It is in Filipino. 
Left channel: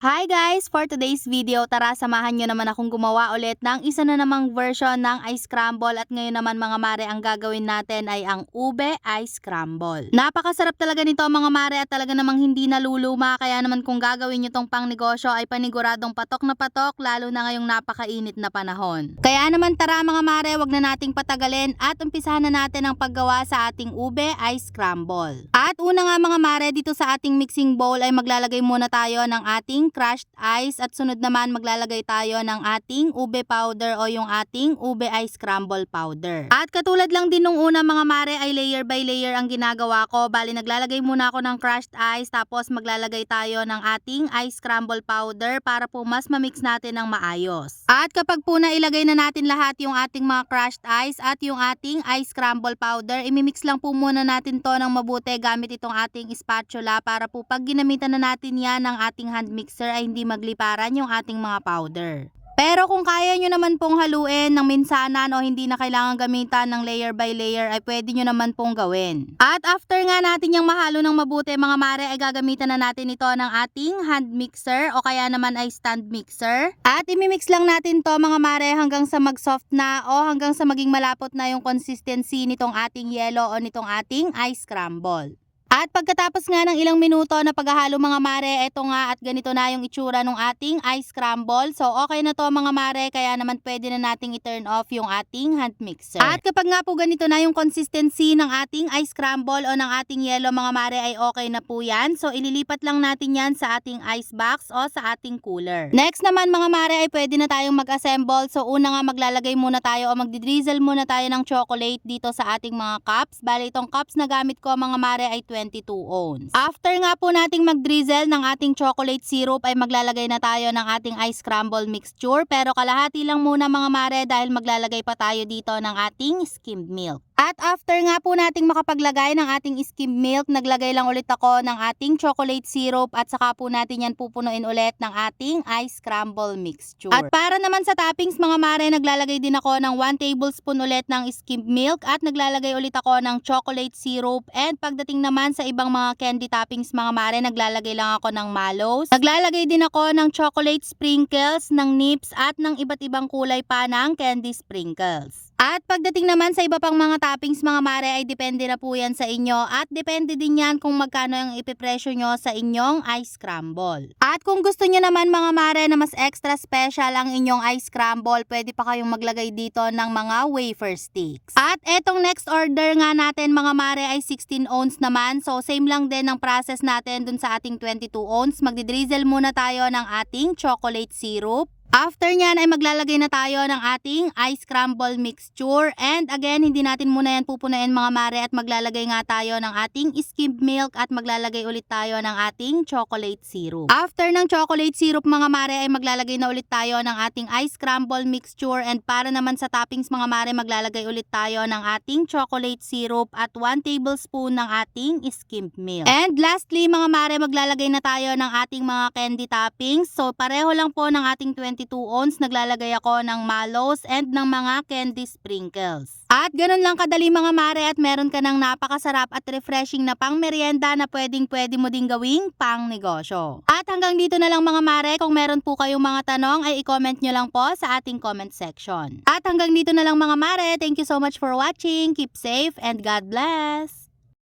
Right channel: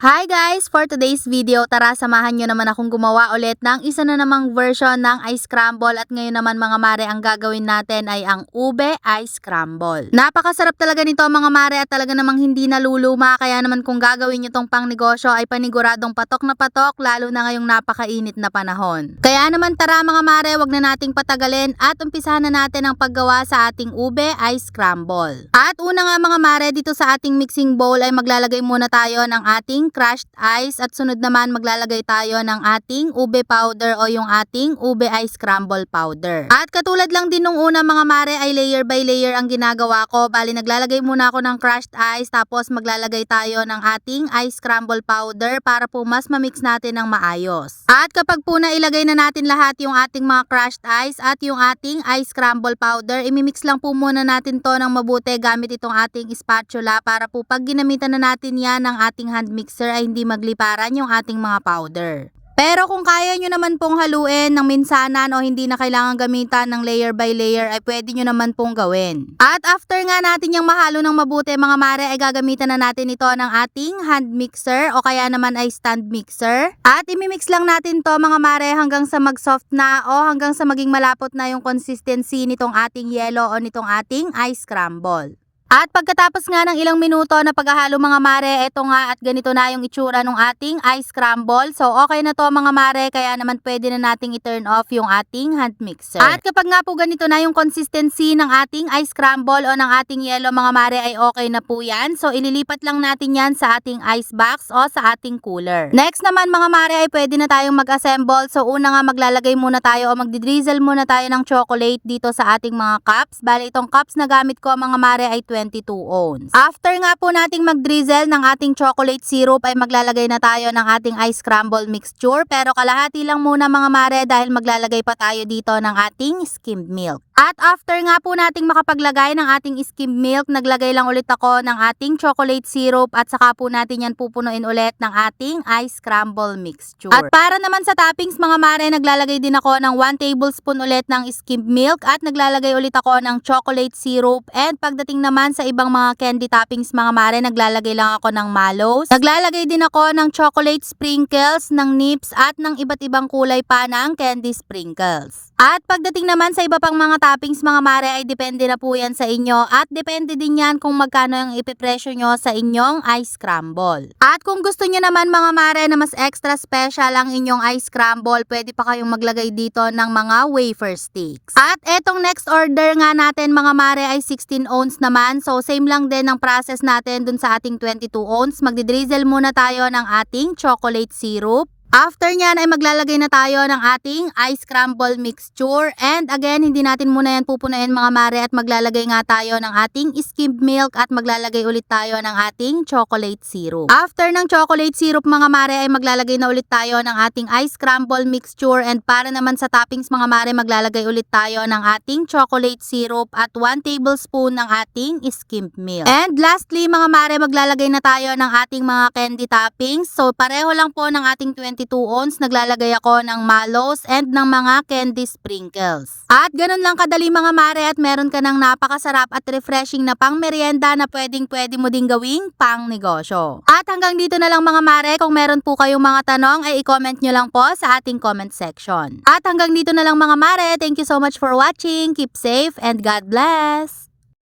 Hi guys! For today's video, tara samahan nyo naman akong gumawa ulit ng isa na namang version ng ice scramble at ngayon naman mga mare ang gagawin natin ay ang ube ice scramble. Napakasarap talaga nito mga mare at talaga namang hindi naluluma kaya naman kung gagawin nyo tong pang negosyo ay paniguradong patok na patok lalo na ngayong napakainit na panahon. Kaya naman tara mga mare, wag na nating patagalin at umpisahan na natin ang paggawa sa ating ube ice scramble. At una nga mga mare, dito sa ating mixing bowl ay maglalagay muna tayo ng ating crushed ice at sunod naman maglalagay tayo ng ating ube powder o yung ating ube ice scramble powder. At katulad lang din nung una mga mare ay layer by layer ang ginagawa ko. Bali naglalagay muna ako ng crushed ice tapos maglalagay tayo ng ating ice scramble powder para po mas ma-mix natin ng maayos. At kapag po nailagay na natin lahat yung ating mga crushed ice at yung ating ice scramble powder, imimix lang po muna natin to ng mabuti gamit itong ating spatula para po pag ginamitan na natin yan ng ating hand mixer ay hindi magliparan yung ating mga powder. Pero kung kaya nyo naman pong haluin ng minsanan o hindi na kailangan gamitan ng layer by layer ay pwede nyo naman pong gawin. At after nga natin yung mahalo ng mabuti mga mare ay gagamitan na natin ito ng ating hand mixer o kaya naman ay stand mixer. At imimix lang natin to mga mare hanggang sa mag-soft na o hanggang sa maging malapot na yung consistency nitong ating yelo o nitong ating ice scramble. At pagkatapos nga ng ilang minuto na paghahalo mga mare, eto nga at ganito na yung itsura ng ating ice scramble. So okay na to mga mare, kaya naman pwede na nating i-turn off yung ating hand mixer. At kapag nga po ganito na yung consistency ng ating ice scramble o ng ating yelo mga mare ay okay na po yan. So ililipat lang natin yan sa ating ice box o sa ating cooler. Next naman mga mare ay pwede na tayong mag-assemble. So una nga maglalagay muna tayo o magdi-drizzle muna tayo ng chocolate dito sa ating mga cups. Bali itong cups na gamit ko mga mare ay 22 ounce. After nga po nating mag-drizzle ng ating chocolate syrup ay maglalagay na tayo ng ating ice scramble mixture pero kalahati lang muna mga mare dahil maglalagay pa tayo dito ng ating skimmed milk. At after nga po nating makapaglagay ng ating skimmed milk, naglagay lang ulit ako ng ating chocolate syrup at saka po natin yan pupunuin ulit ng ating ice scramble mixture. At para naman sa toppings mga mare, naglalagay din ako ng 1 tablespoon ulit ng skimmed milk at naglalagay ulit ako ng chocolate syrup and pagdating naman sa ibang mga candy toppings mga mare, naglalagay lang ako ng mallows. Naglalagay din ako ng chocolate sprinkles, ng nips at ng iba't ibang kulay pa ng candy sprinkles. At pagdating naman sa iba pang mga toppings mga mare ay depende na po yan sa inyo at depende din yan kung magkano yung ipipresyo nyo sa inyong ice scramble. At kung gusto nyo naman mga mare na mas extra special ang inyong ice scramble, pwede pa kayong maglagay dito ng mga wafer sticks. At etong next order nga natin mga mare ay 16 ounce naman. So same lang din ang process natin dun sa ating 22 ounce. Magdi-drizzle muna tayo ng ating chocolate syrup. After nyan ay maglalagay na tayo ng ating ice scramble mixture and again hindi natin muna yan pupunuin mga mare at maglalagay nga tayo ng ating skimmed milk at maglalagay ulit tayo ng ating chocolate syrup. After ng chocolate syrup mga mare ay maglalagay na ulit tayo ng ating ice scramble mixture and para naman sa toppings mga mare maglalagay ulit tayo ng ating chocolate syrup at 1 tablespoon ng ating skimmed milk. And lastly mga mare maglalagay na tayo ng ating mga candy toppings. So pareho lang po ng ating 22 ounce, naglalagay ako ng mallows and ng mga candy sprinkles. At ganun lang kadali mga mare at meron ka ng napakasarap at refreshing na pang merienda na pwede mo ding gawing pang negosyo. At hanggang dito na lang mga mare, kung meron po kayong mga tanong ay i-comment nyo lang po sa ating comment section. At hanggang dito na lang mga mare, thank you so much for watching, keep safe and God bless!